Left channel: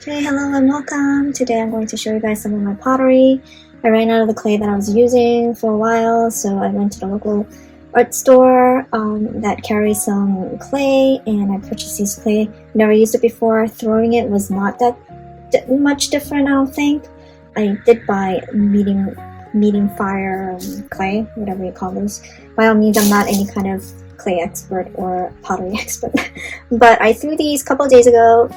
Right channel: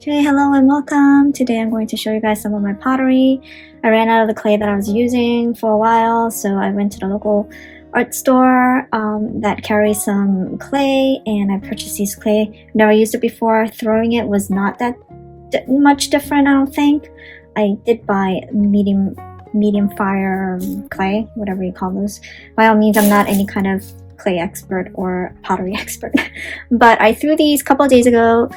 Okay, hello and welcome. Today I'm going to show you guys some of my pottery. I ran out of the clay that I was using for a while, so I went to the local art store that carries some clay, and I purchased these clay. Never used it before. Throwing it was not that much different, I don't think. I did buy medium fire clay, whatever you call those. By all means, I'm not any kind of clay expert or pottery expert, but I threw these a couple of days ago.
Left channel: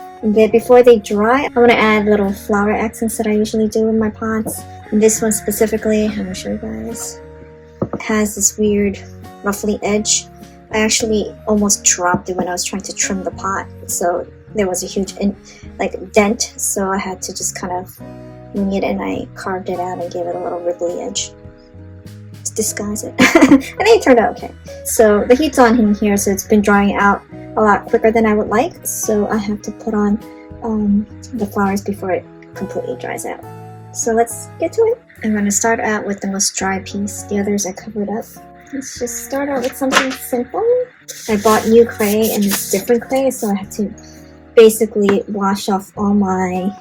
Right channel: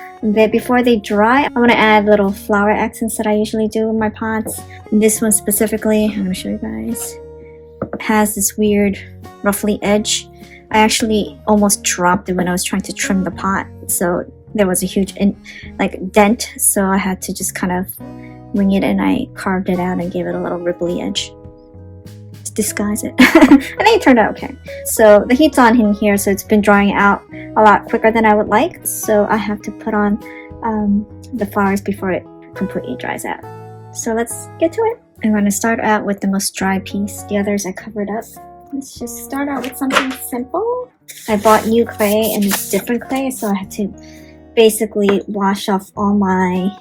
Before they dry, I want to add little flower accents that I usually do in my pots. This one specifically, I'm going to show you guys, has this weird ruffly edge. I actually almost dropped it when I was trying to trim the pot, so there was a huge dent, so I had to just kind of wing it, and I carved it out and gave it a little ripply edge to disguise it. I think it turned out okay. So the heat's on in here, so it's been drying out a lot quicker than I would like, so I have to put on the flowers before it completely dries out. So let's get to it. I'm going to start out with the most dry piece. The others I covered up. Let's just start out with something simple. I bought new clay, and it's different clay, so I have to basically wash off all my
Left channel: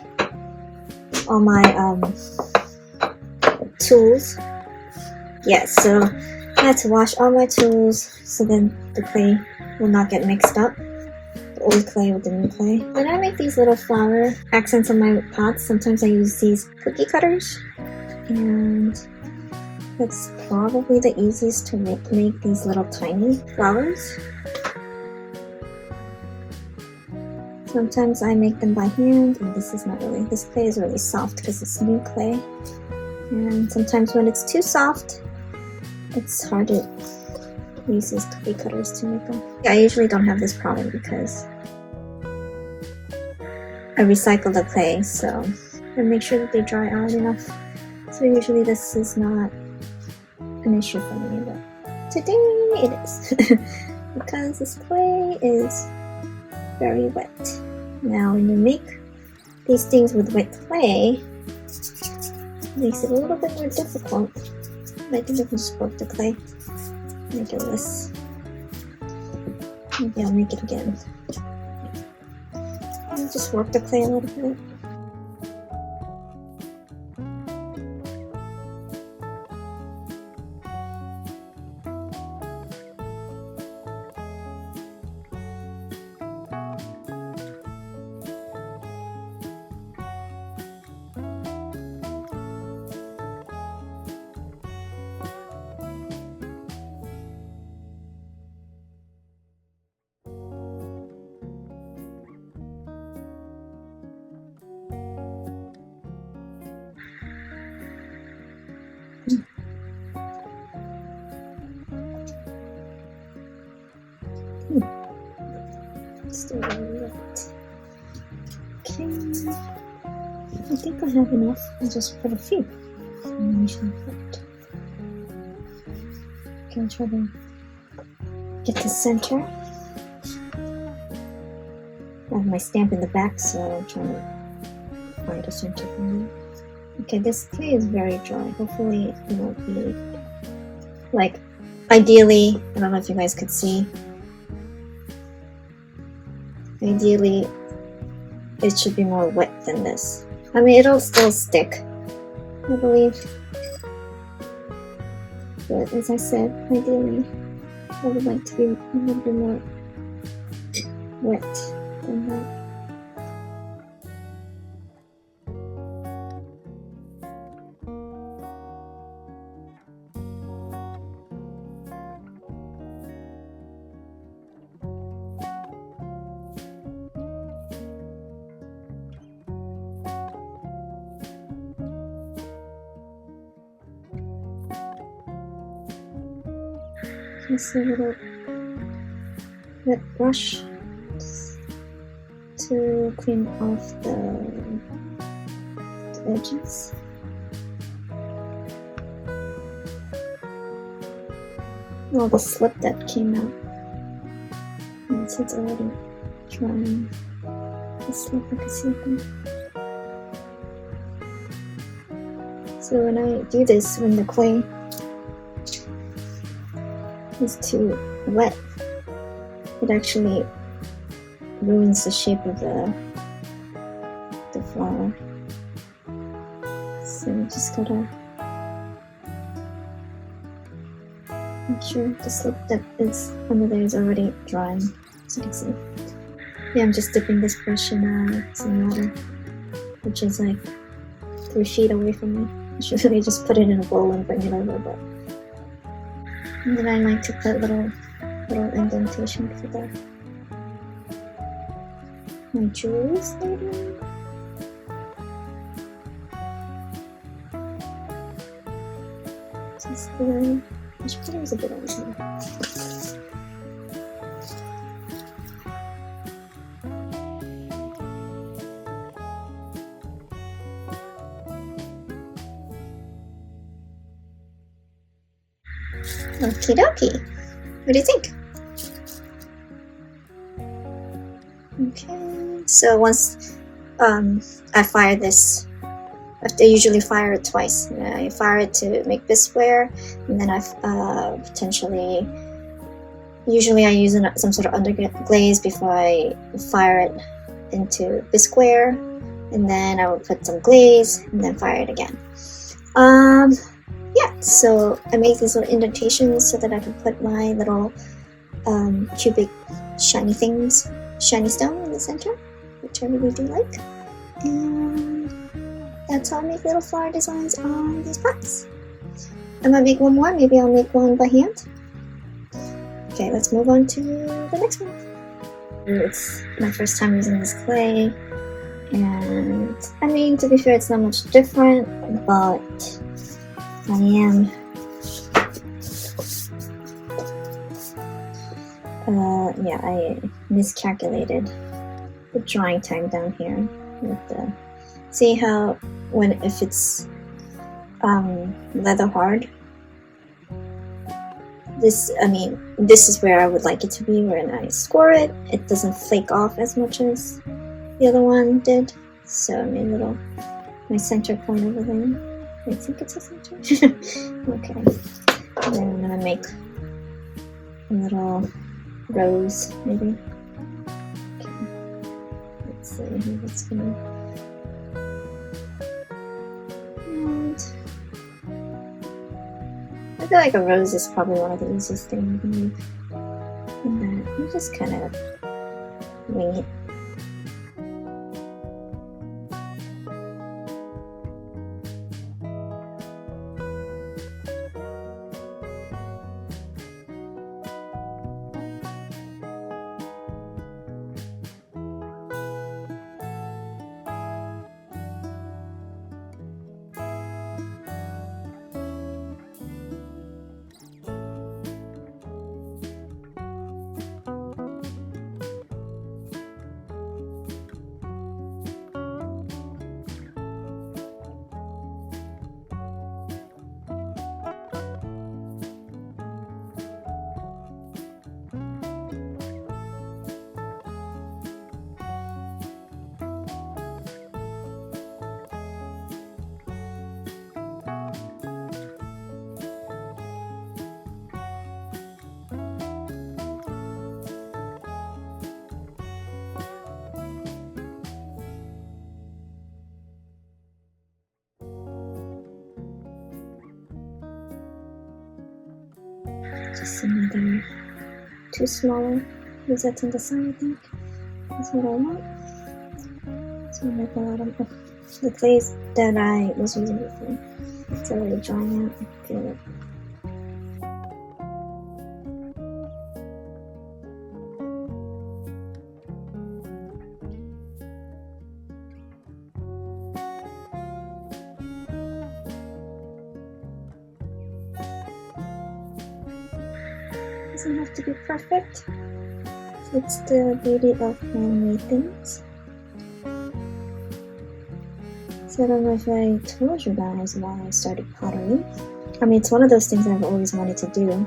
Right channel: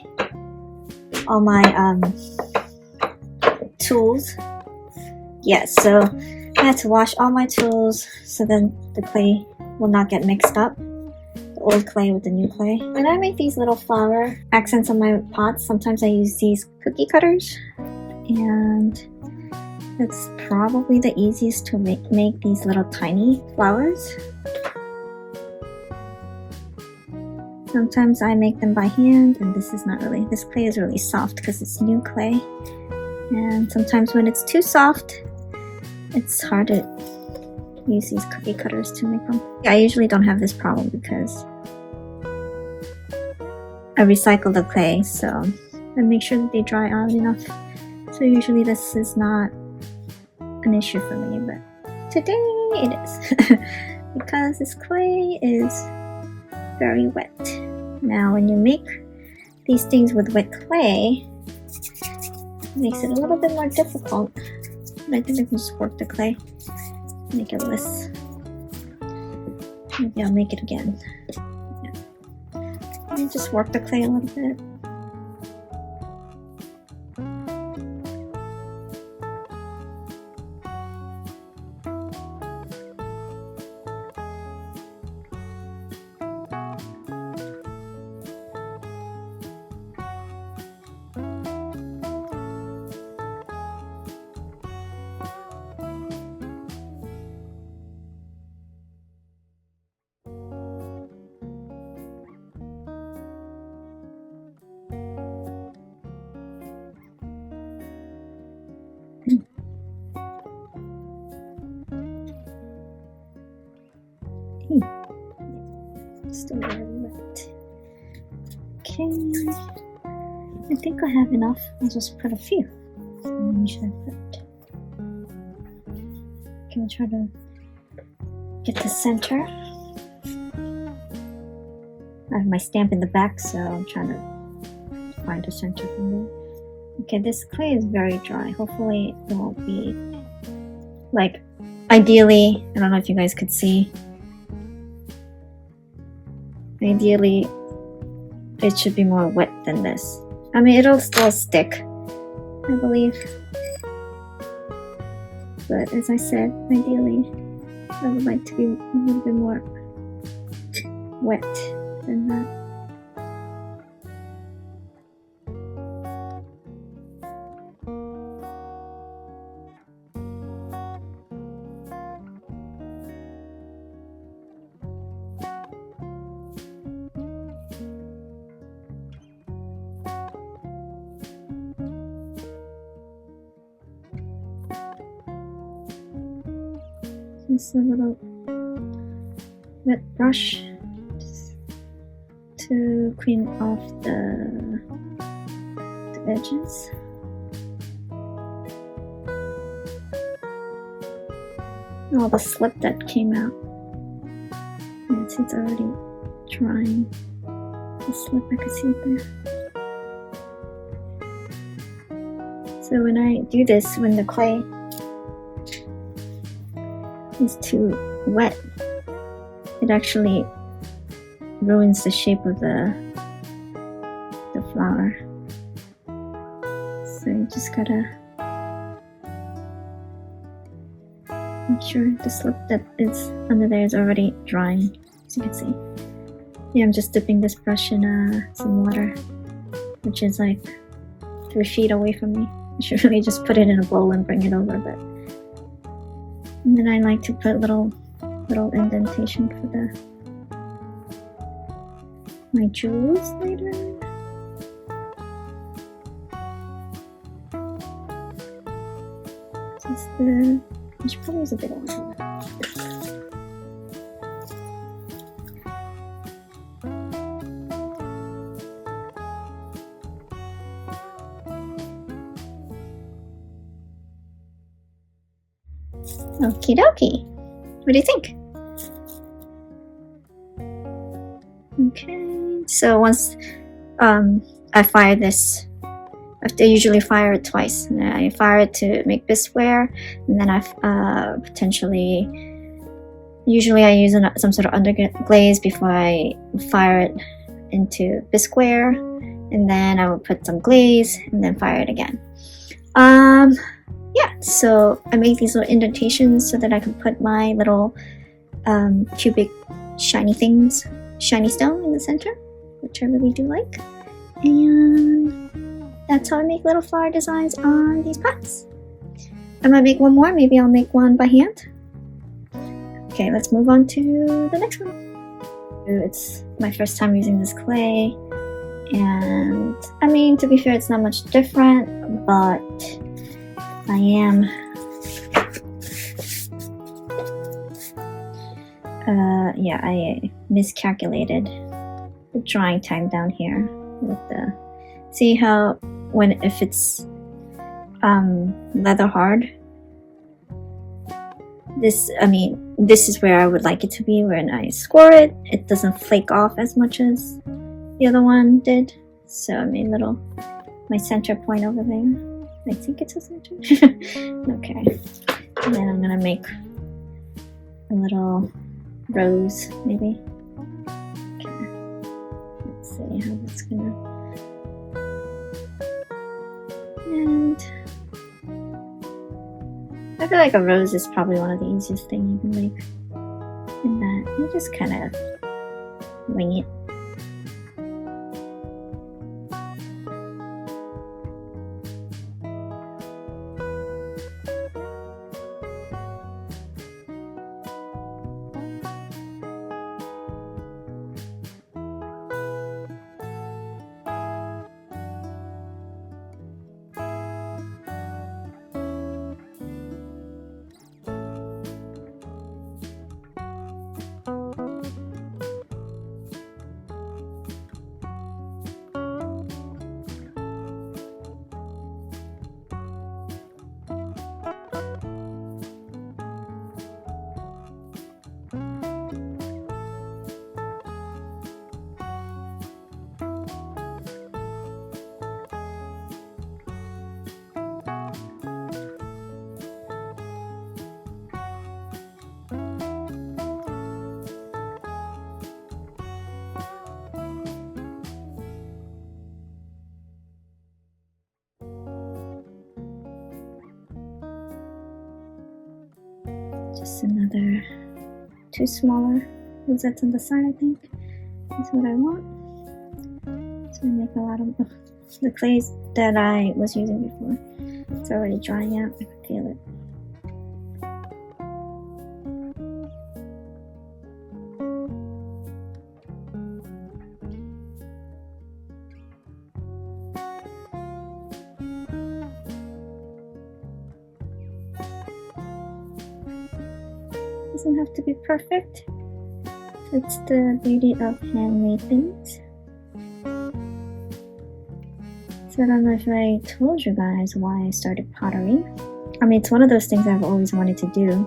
tools. Yes, so I had to wash all my tools so then the clay will not get mixed up, the old clay with the new clay. When I make these little flower accents on my pots, sometimes I use these cookie cutters, and it's probably the easiest to make these little tiny flowers. Sometimes I make them by hand, and this clay is really soft because it's new clay, and sometimes when it's too soft, it's hard to use these cookie cutters to make them. I usually don't have this problem because I recycle the clay, so I make sure that they dry out enough. So usually this is not an issue for me, but today it is because this clay is very wet. Now when you make these things with wet clay, it makes it a little bit more difficult. I think I can just work the clay, make it less. Maybe I'll make it again. Yeah. I'll just work the clay a little bit. Still a little bit. Okay, I think I have enough. I'll just put a few. Okay, I'll try to get the center. I have my stamp in the back, so I'm trying to find a center for me. Okay, this clay is very dry. Hopefully it won't be, ideally, I don't know if you guys could see, ideally it should be more wet than this. I mean, it'll still stick, I believe, but as I said, ideally I would like to be a little bit more wet than that. Just a little wet brush to clean off the edges. All the slip that came out, and since it's already drying, the slip I can see there. So when I do this, when the clay is too wet, it actually ruins the shape of the flower. So you just gotta make sure the slip that is under there is already drying, as you can see. Yeah, I'm just dipping this brush in some water, which is like 3 feet away from me. I should really just put it in a bowl and bring it over, but... And then I like to put little indentation for my jewels later. Just I should probably use a bit over here. Okie dokie. What do you think? Okay, so once I fire this, I usually fire it twice. I fire it to make bisqueware, and then I usually I use some sort of underglaze before I fire it into bisqueware, and then I will put some glaze and then fire it again. Yeah, so I make these little indentations so that I can put my little cubic shiny stone in the center, which I really do like. And that's how I make little flower designs on these plants. I might make one more, maybe I'll make one by hand. Okay, let's move on to the next one. It's my first time using this clay, and I mean, to be fair, it's not much different, but I miscalculated the drying time down here with the, see how if it's leather hard, this is where I would like it to be. When I score it, it doesn't flake off as much as the other one did. So I made my center point over there. I think it's a center. Okay, and then I'm gonna make a little rose, maybe. Okay, let's see how that's gonna. And I feel like a rose is probably one of the easiest things you can make. And that you just kind of wing it. Just another 2 smaller rosettes on the side, I think. That's what I want. So I make a lot of the clays that I was using before. It's already drying out. I can feel it. Doesn't have to be perfect. It's the beauty of handmade things. So I don't know if I told you guys why I started pottery. I mean, it's one of those things I've always wanted to do.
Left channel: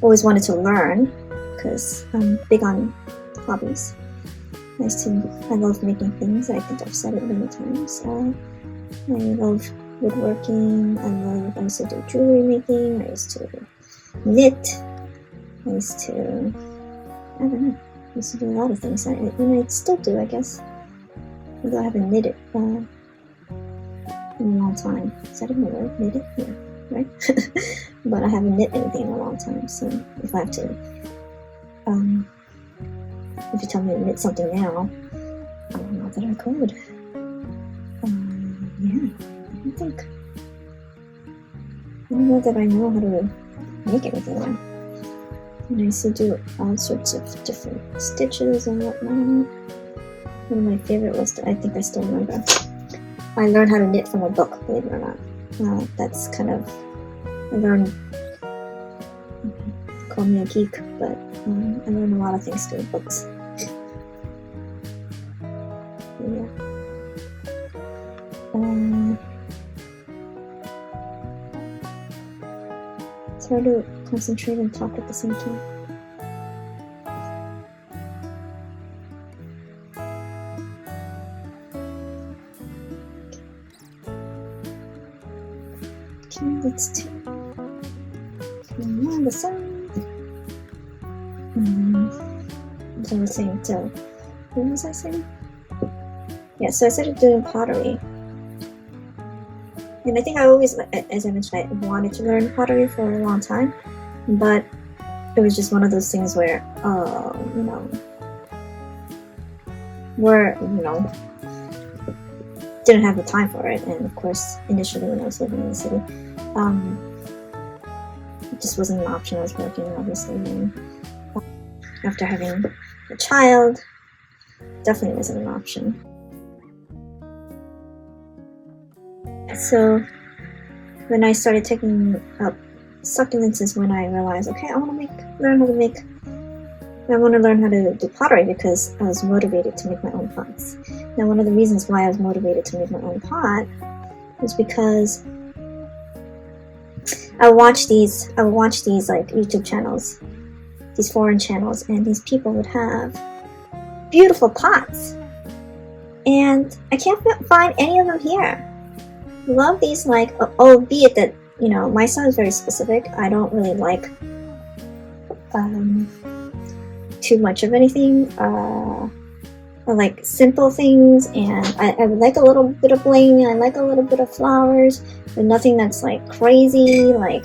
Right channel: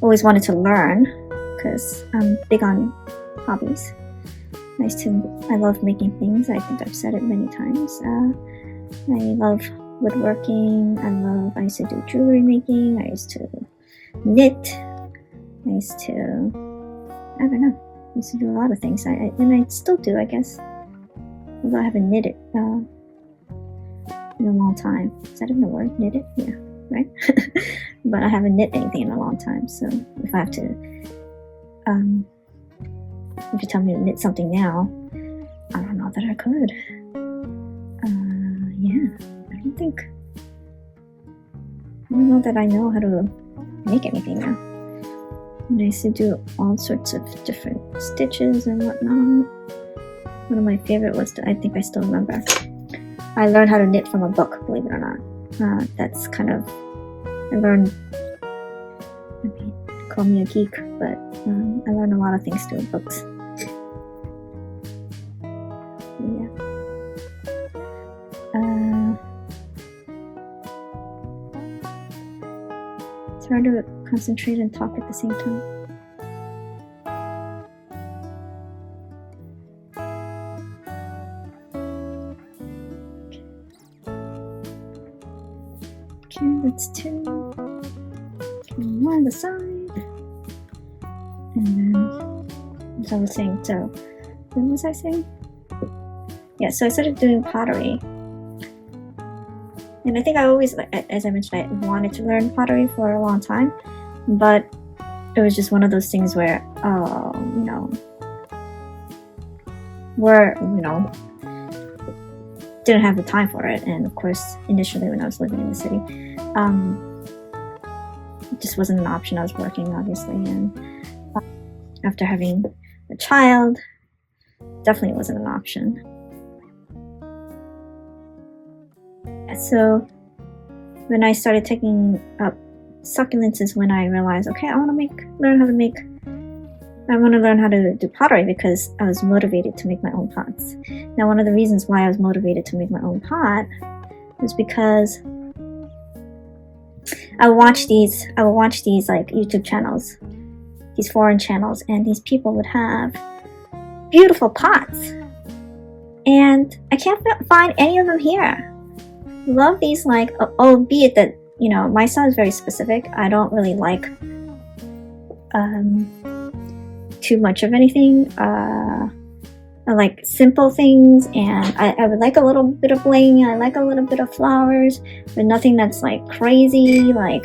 Always wanted to learn, because I'm big on hobbies. I love making things. I think I've said it many times. I love woodworking. I used to do jewelry making. I used to knit. I used to do a lot of things, and I still do, I guess. although I haven't knitted in a long time. Is that even a word? Knitted? Yeah, right? But I haven't knit anything in a long time, so if I have to, if you tell me to knit something now, I don't know that I could. Yeah, I don't know that I know how to make anything now. And I used to do all sorts of different stitches and whatnot. One of my favorite was, I think I still remember, I learned how to knit from a book, believe it or not. That's kind of, I learned, they call me a geek, but I learned a lot of things through books. Yeah. It's hard to concentrate and talk at the same time. Okay, that's 2. Okay, 1 on the side. As I was saying, so what was I saying? Yeah, so I started doing pottery. And I think I always, as I mentioned, I wanted to learn pottery for a long time, but it was just one of those things where, didn't have the time for it. And of course, initially when I was living in the city, it just wasn't an option. I was working, obviously, and after having a child, definitely wasn't an option. So when I started taking up succulents is when I realized, okay, I want to learn how to do pottery, because I was motivated to make my own pots. Now, one of the reasons why I was motivated to make my own pot was because I would watch these like YouTube channels, these foreign channels, and these people would have beautiful pots, and I can't find any of them here. Love these, like, albeit that, my style is very specific. I don't really like too much of anything. I like simple things, and I would like a little bit of bling, I like a little bit of flowers, but nothing that's like crazy, like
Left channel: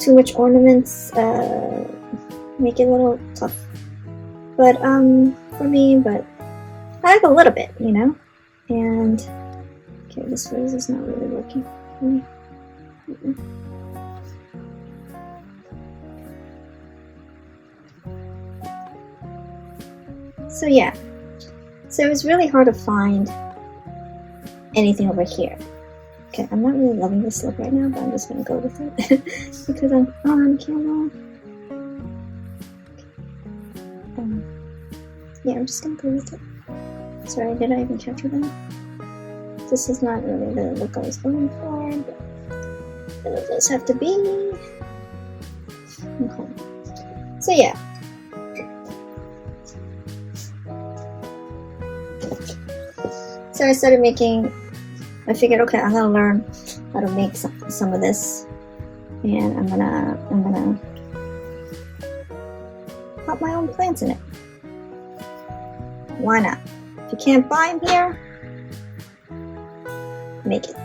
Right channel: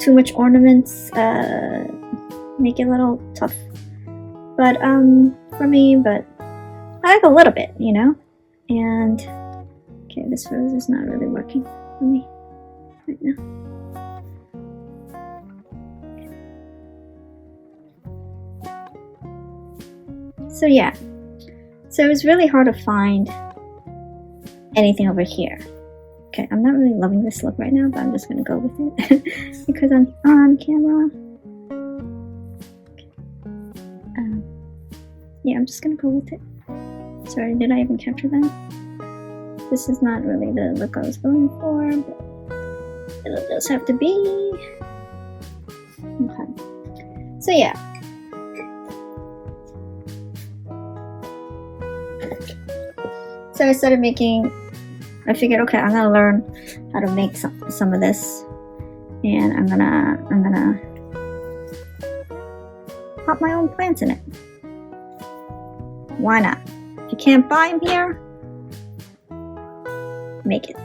too much ornaments make it a little tough, but for me, but I like a little bit, and okay, this rose is not really working for me right now. So yeah, so it was really hard to find anything over here. Okay, I'm not really loving this look right now, but I'm just gonna go with it because I'm on camera. Okay. Yeah, I'm just gonna go with it. Sorry, did I even capture that? This is not really the look I was going for, but it'll just have to be. Okay. So yeah. So I started I figured, okay, I'm gonna learn how to make some of this, and I'm gonna put my own plants in it. Why not? If you can't buy them here, make it.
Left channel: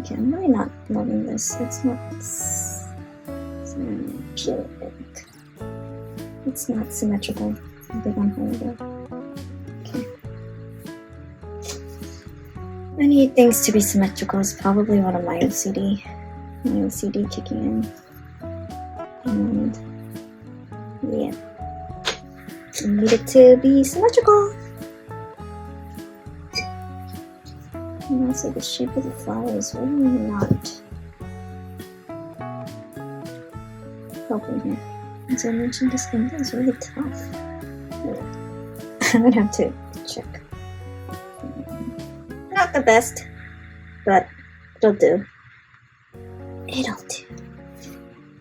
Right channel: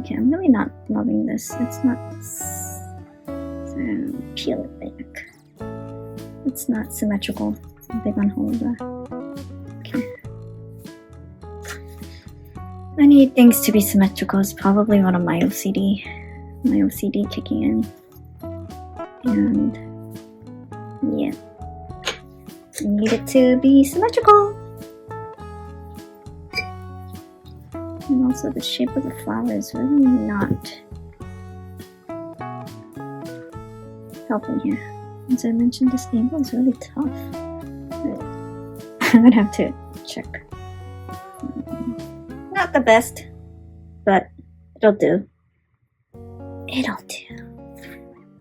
Okay, I'm really not loving this. It's not. So peel it back. It's not symmetrical. I'm big on holder. I need things to be symmetrical. It's probably one of my OCD kicking in. And yeah, I need it to be symmetrical. And also the shape of the flower is really not helping here. As I mentioned, this angle is really tough. I'm gonna have to check. Not the best, but it'll do. It'll do.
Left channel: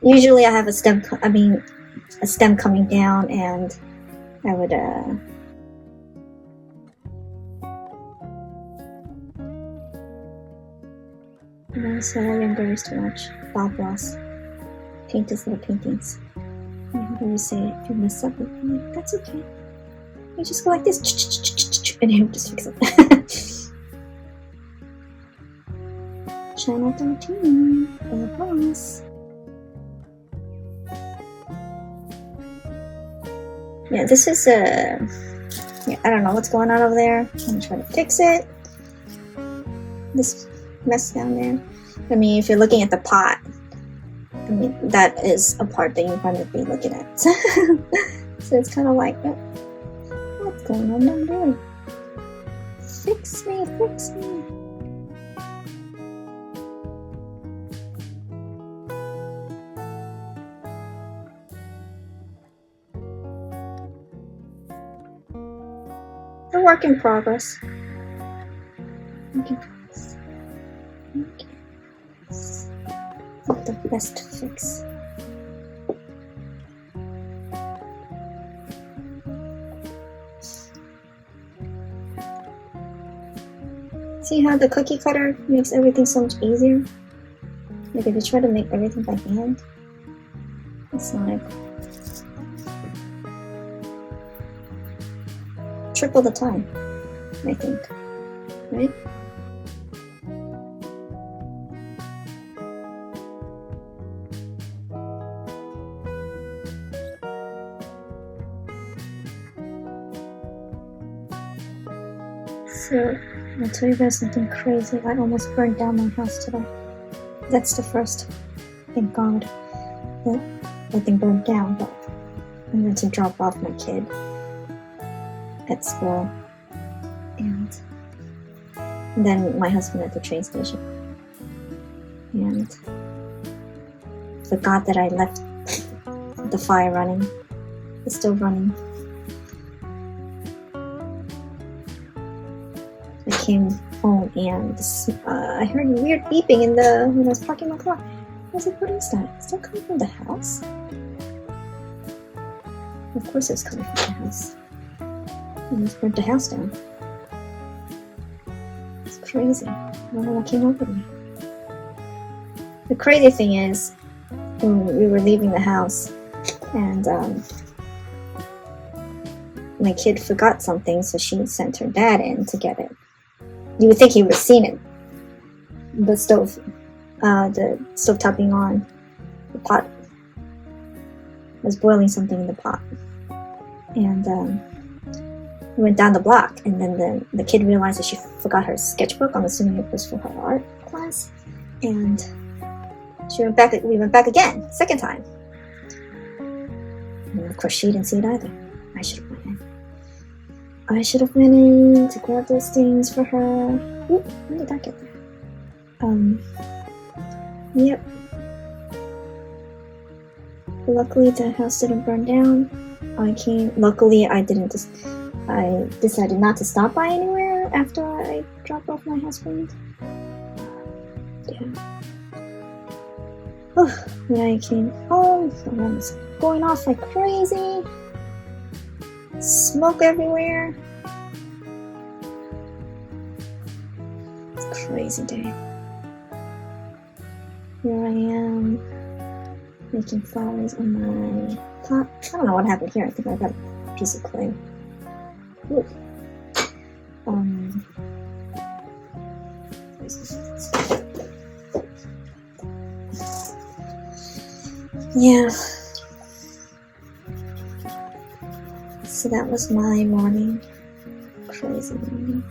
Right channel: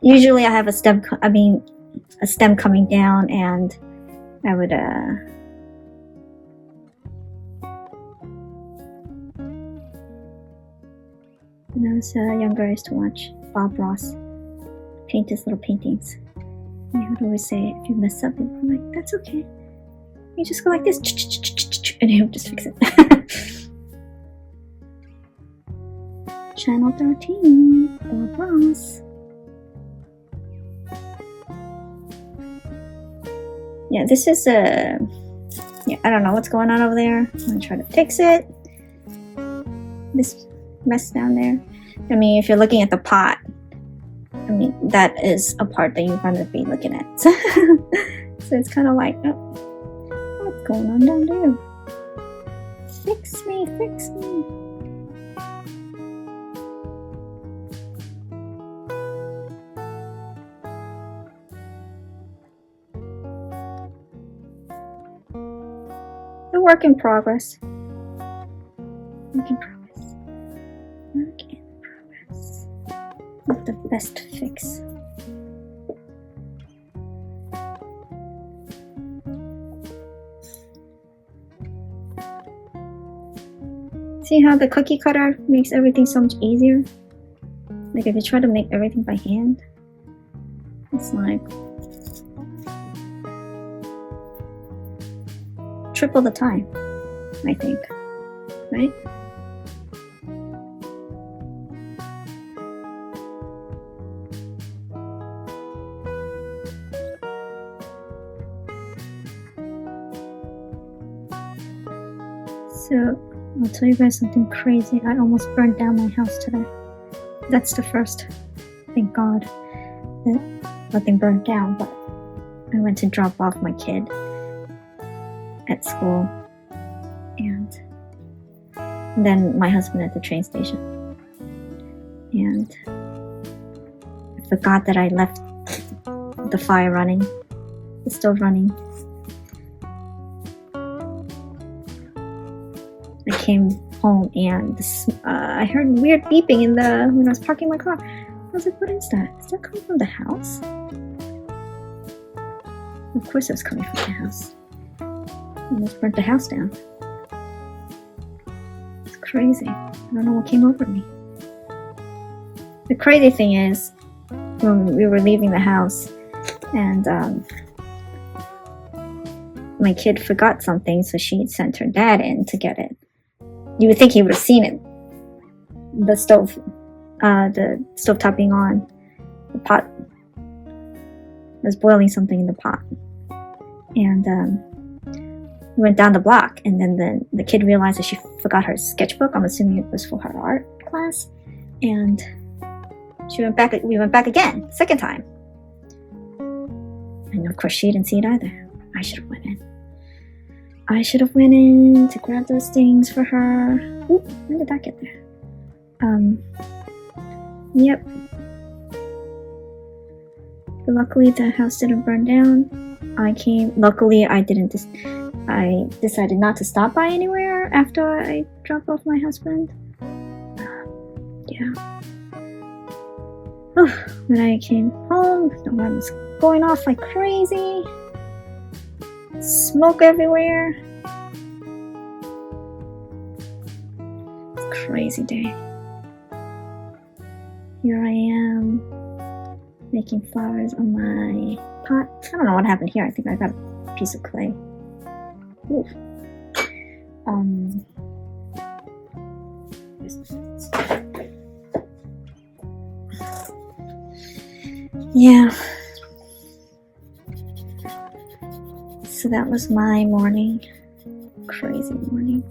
Usually I have a stem coming down, and I would when I was younger, I used to watch Bob Ross paint his little paintings. You would always say if you mess up, I'm like, that's okay. You just go like this, and he'll just fix it. Channel 13 for boss. Yeah, this is a. Yeah, I don't know what's going on over there. I'm gonna try to fix it. This mess down there. I mean, if you're looking at the pot, I mean, that is a part that you're going to be looking at. So it's kind of like, oh, what's going on down there? Fix me, fix me. A work in progress. Work in progress. Work in progress. Not the best fix. See how the cookie cutter makes everything so much easier? Like if you try to make everything by hand, it's like triple the time, I think, right? So, I'll tell you guys something crazy. I almost burned down my house today. That's the first. Thank God that nothing burned down, but I went to drop off my kid at school, and then my husband at the train station, and I forgot that I left the fire running. It's still running. I came home and I heard weird beeping when I was parking my car. I was like, what is that? Is that coming from the house? Of course it was coming from the house. I almost burnt the house down. It's crazy. I don't know what came over me. The crazy thing is, when we were leaving the house, and my kid forgot something, so she sent her dad in to get it. You would think he would have seen it. The stovetop being on. The pot was boiling something in the pot. And we went down the block, and then the kid realized that she forgot her sketchbook. I'm assuming it was for her art class. And we went back again, second time. And of course she didn't see it either. I should have went in. I should have went in to grab those things for her. Ooh, when did that get there? Yep. Luckily the house didn't burn down. Luckily I decided not to stop by anywhere after I dropped off my husband. Yeah. Oh, then I came home, the alarm was going off like crazy. Smoke everywhere. It's a crazy day. Here I am making flowers on my pot. I don't know what happened here. I think I got a piece of clay. Ooh. Yeah. So that was my morning. Crazy morning.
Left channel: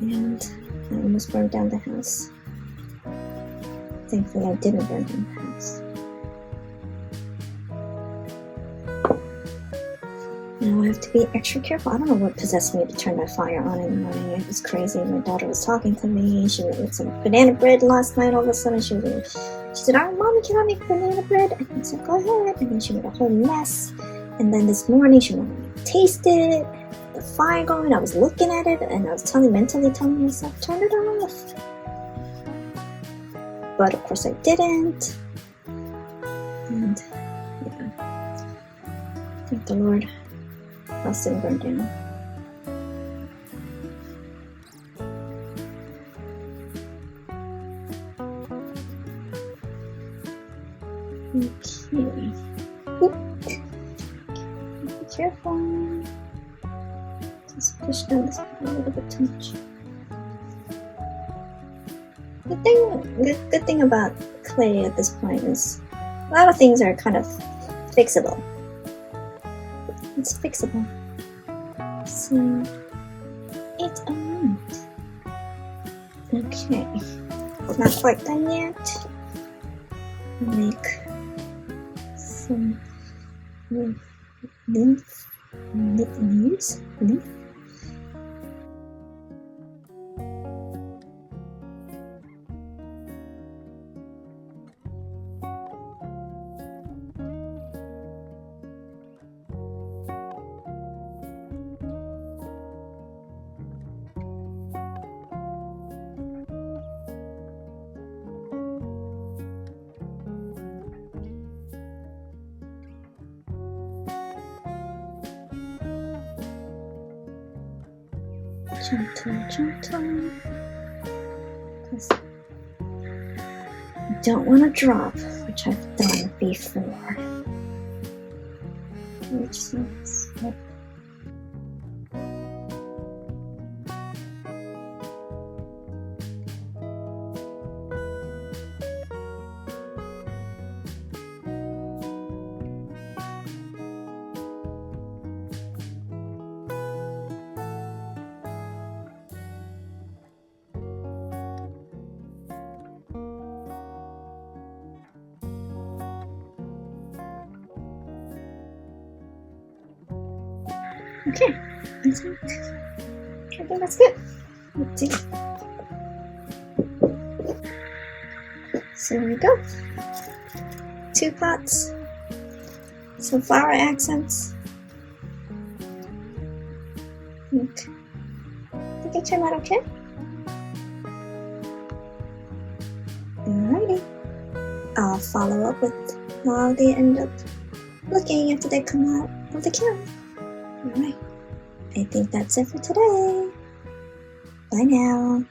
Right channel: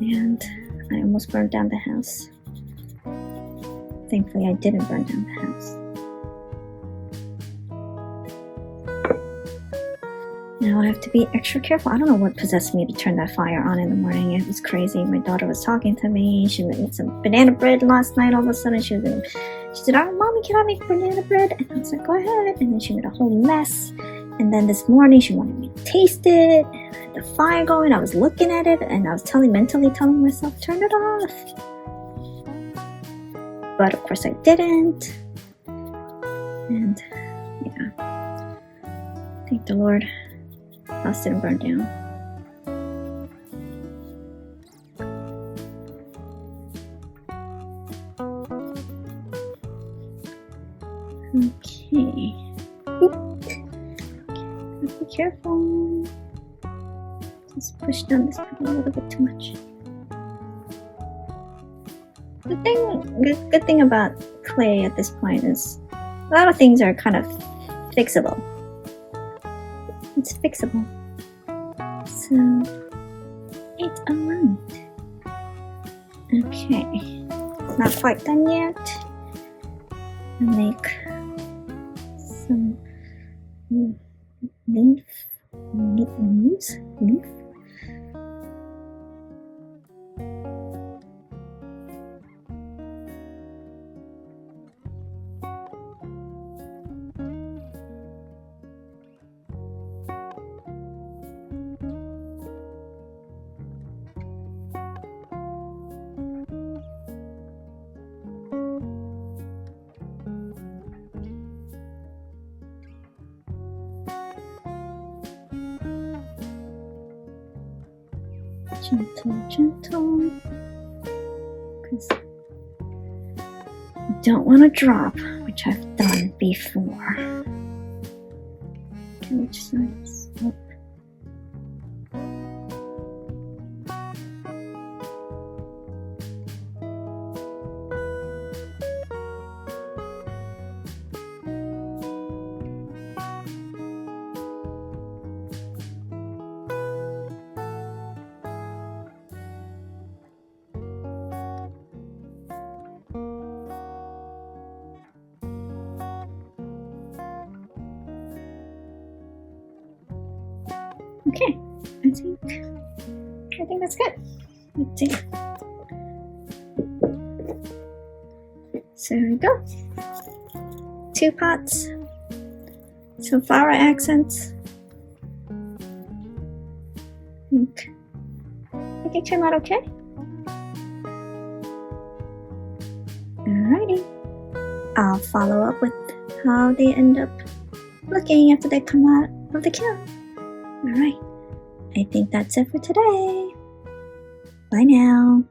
And I almost burned down the house. Thankfully I didn't burn down the house. Now I have to be extra careful. I don't know what possessed me to turn that fire on in the morning. It was crazy. My daughter was talking to me. She made some banana bread last night. All of a sudden she said, "Oh, Mommy, can I make banana bread?" And I said, "Go ahead." And then she made a whole mess. And then this morning she wanted me to taste it. And I had the fire going. I was looking at it and I was mentally telling myself, turn it off. But of course I didn't. And yeah, thank the Lord, house didn't burn down. Okay. Oop. Just push down this a little bit too much. Good thing about clay at this point is a lot of things are kind of fixable. It's fixable. So it's alright. Okay, not quite done yet. Make some leaves. Gentle, because I don't want to drop, which I've done before. Which is okay, I think that's good. Let's see. So here we go. 2 pots, some flower accents. Okay. I think it turned out okay. Alrighty. I'll follow up with how they end up looking after they come out of the kiln. Alright, I think that's it for today. Bye now.